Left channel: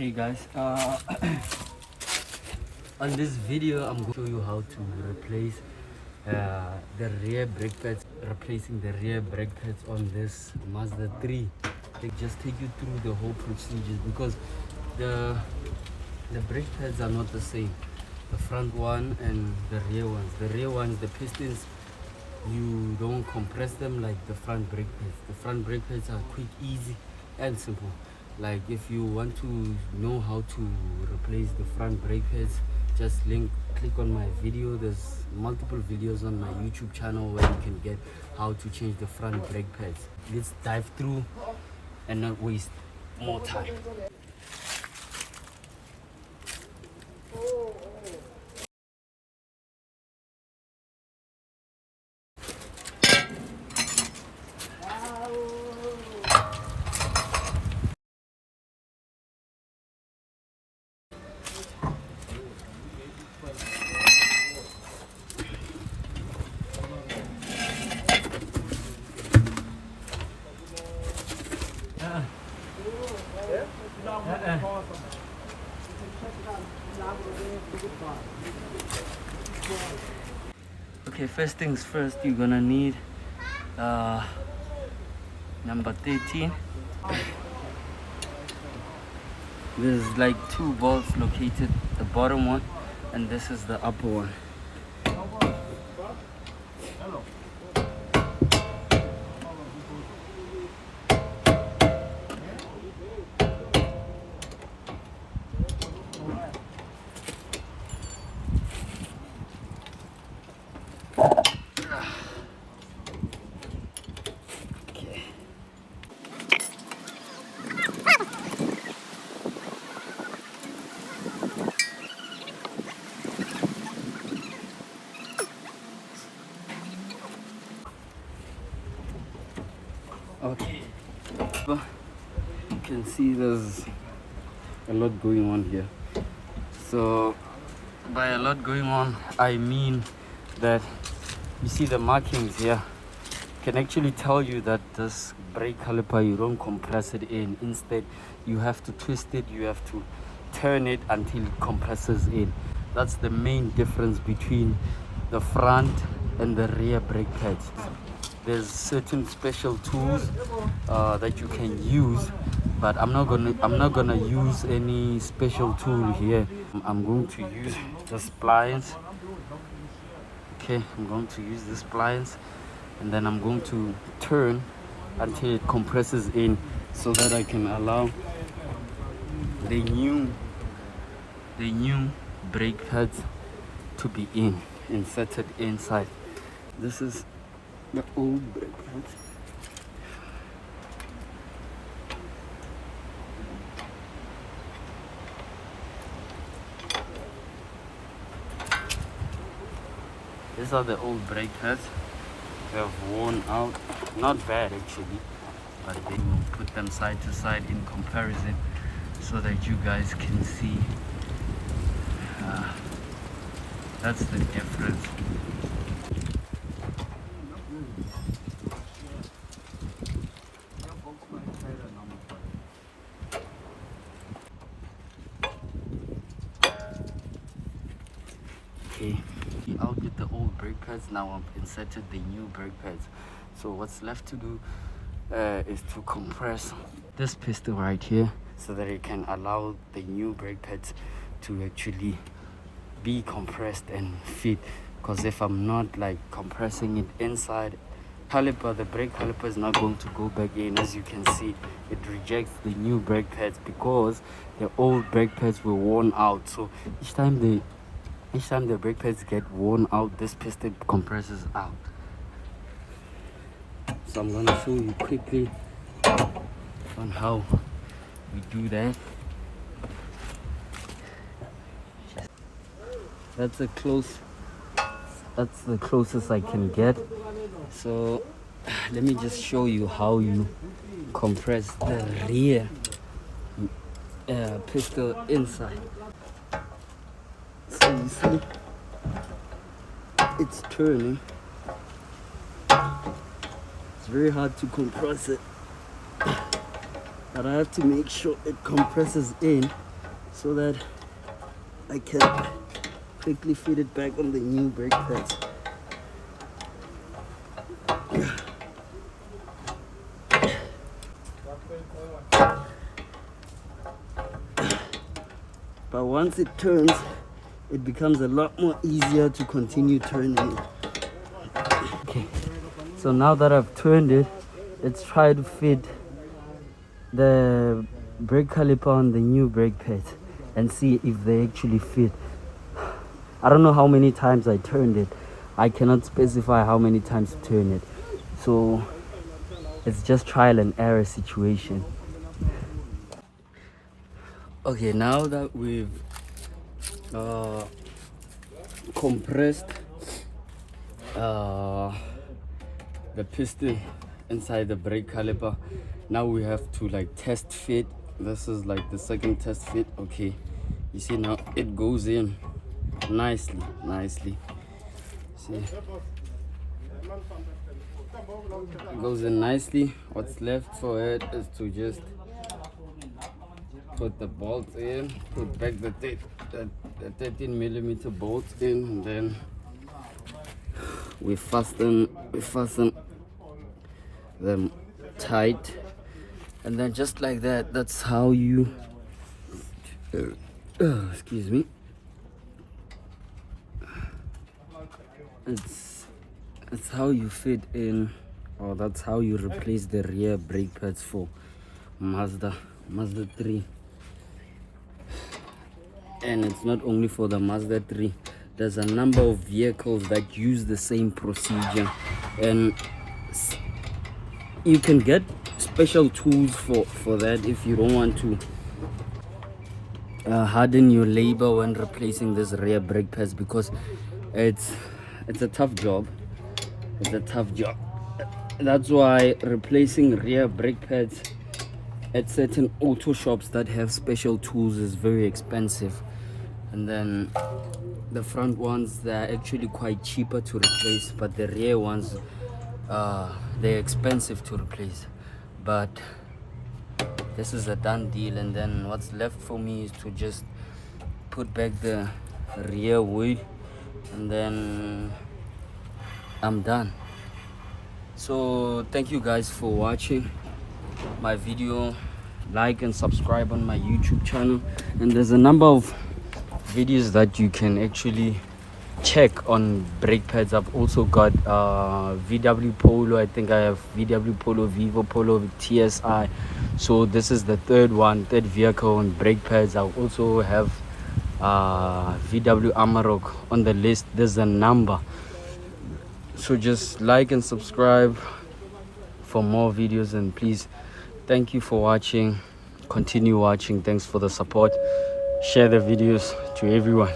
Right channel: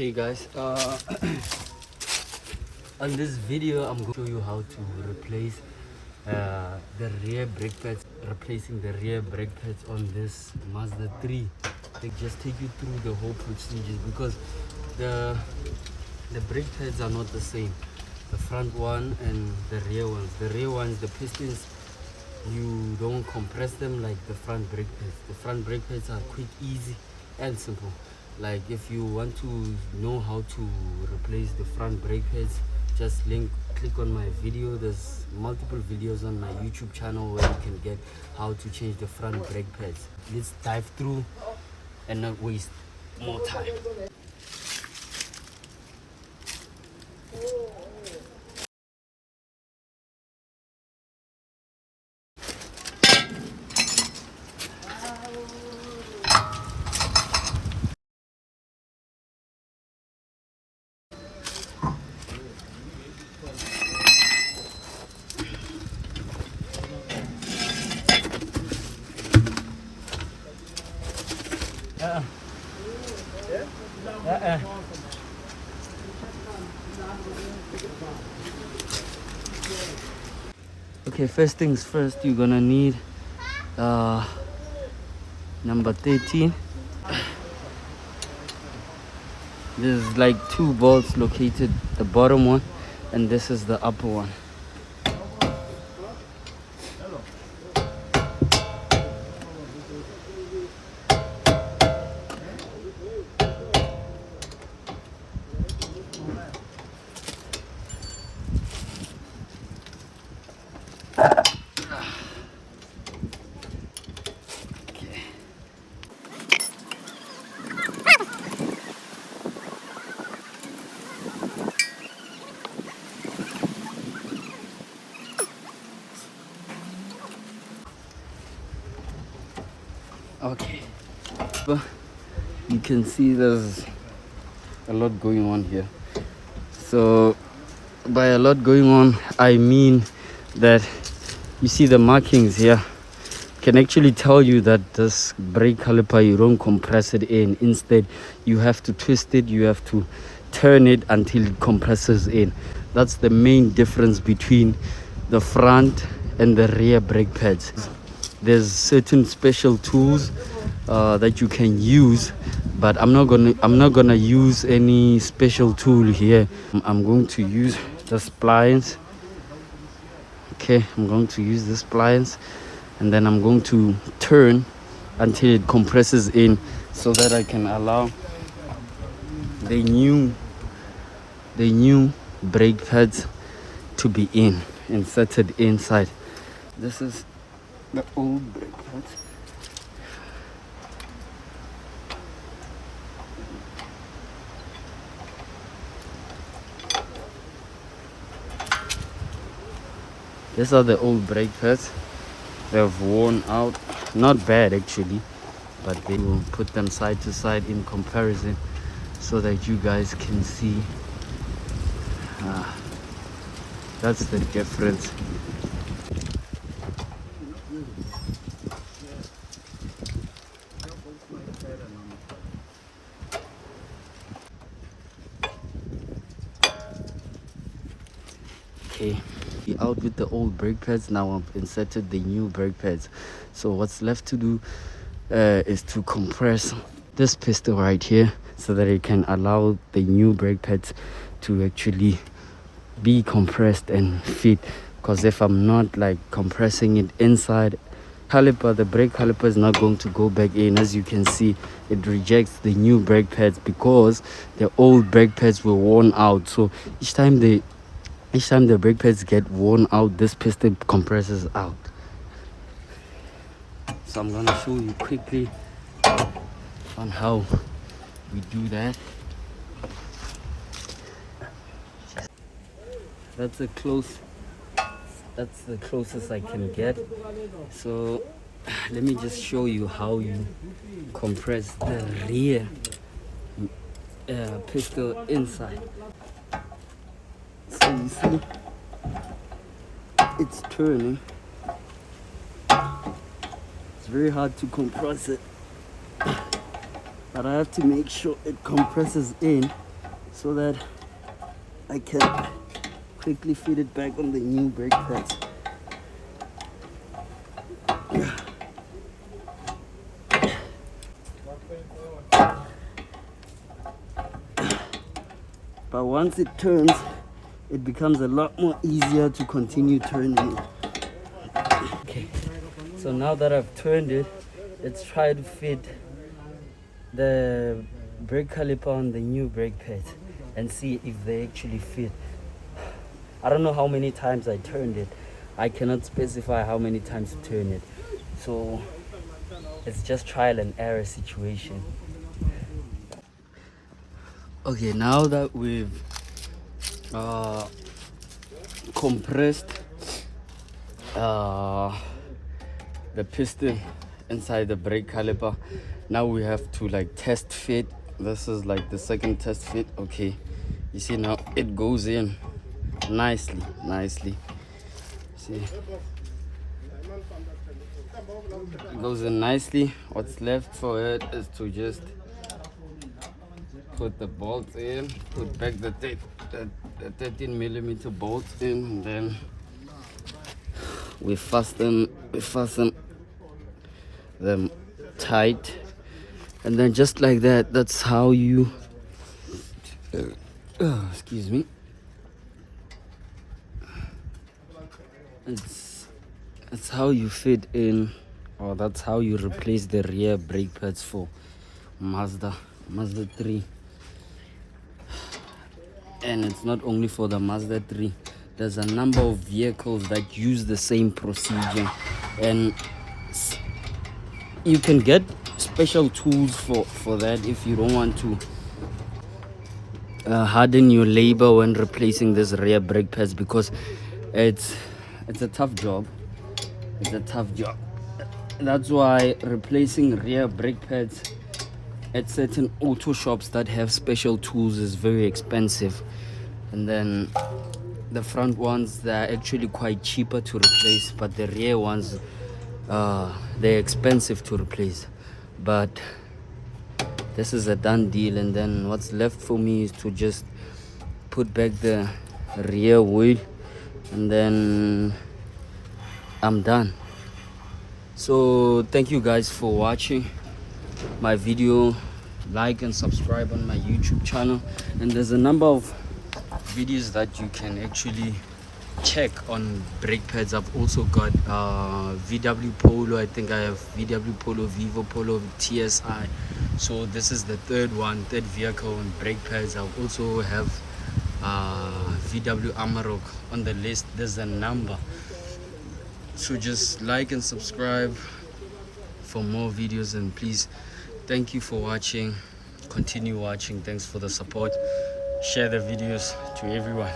Okay guys, on this video I'm going to show you how to replace the rear brake pads, replacing the rear brake pads on this Mazda 3. They just take you through the whole procedure because the brake pads are not the same, the front one and the rear ones. The rear ones, the pistons, you don't compress them like the front brake pads. The front brake pads are quick, easy and simple. Like if you want to know how to replace the front brake pads, just click on my video. There's multiple videos on my YouTube channel where you can get how to change the front brake pads. Let's dive through and not waste more time. Okay, first things first, you're gonna need number 13. There's like two bolts located, the bottom one and this is the upper one. Okay, well, you can see there's a lot going on here. So by a lot going on, I mean that you see the markings here can actually tell you that this brake caliper, you don't compress it in. Instead, you have to twist it, you have to turn it until it compresses in. That's the main difference between the front and the rear brake pads. There's certain special tools that you can use, but I'm not gonna use any special tool here. I'm going to use the splines. Okay, I'm going to use the splines, and then I'm going to turn until it compresses in, so that I can allow the new brake pads to be inserted inside. This is the old brake pads. These are the old brake pads. They've worn out, not bad actually, but we will put them side to side in comparison so that you guys can see. That's the difference. Okay, out with the old brake pads. Now I've inserted the new brake pads. So what's left to do is to compress this piston right here so that it can allow the new brake pads to actually be compressed and fit. Because if I'm not like compressing it inside caliper, the brake caliper is not going to go back in. As you can see, it rejects the new brake pads because the old brake pads were worn out. So each time the brake pads get worn out, this piston compresses out. So I'm gonna show you quickly on how we do that. That's the closest I can get. So let me just show you how you compress the rear piston inside. So you see, it's turning. It's very hard to compress it, but I have to make sure it compresses in so that I can quickly fit it back on the new brake pads. But once it turns, it becomes a lot more easier to continue turning it. Okay, so now that I've turned it, let's try to fit the brake caliper on the new brake pads and see if they actually fit. I don't know how many times I turned it. I cannot specify how many times to turn it. So it's just trial and error situation. Okay, now that we've compressed the piston inside the brake caliper, now we have to like test fit. This is like the second test fit. Okay, you see now it goes in nicely. See, it goes in nicely. What's left for it is to just put the bolts in, put back the 13mm bolts in, and then we fasten them tight, and then just like that, that's how you excuse me, it's how you fit in, or that's how you replace the rear brake pads for Mazda 3. And it's not only for the Mazda 3. There's a number of vehicles that use the same procedure, and you can get special tools for that if you don't want to harden your labor when replacing this rear brake pads, because it's a tough job. That's why replacing rear brake pads at certain auto shops that have special tools is very expensive. And then the front ones, they're actually quite cheaper to replace, but the rear ones, they're expensive to replace. But this is a done deal, and then what's left for me is to just put back the rear wheel, and then I'm done. So thank you guys for watching my video. Like and subscribe on my YouTube channel, and there's a number of videos that you can actually check on brake pads. I've also got VW Polo. I think I have VW Polo, Vivo Polo, TSI. So this is the third vehicle on brake pads. I also have VW Amarok on the list. There's a number. So just like and subscribe for more videos, and please, thank you for watching. Continue watching. Thanks for the support. Share the videos to everyone.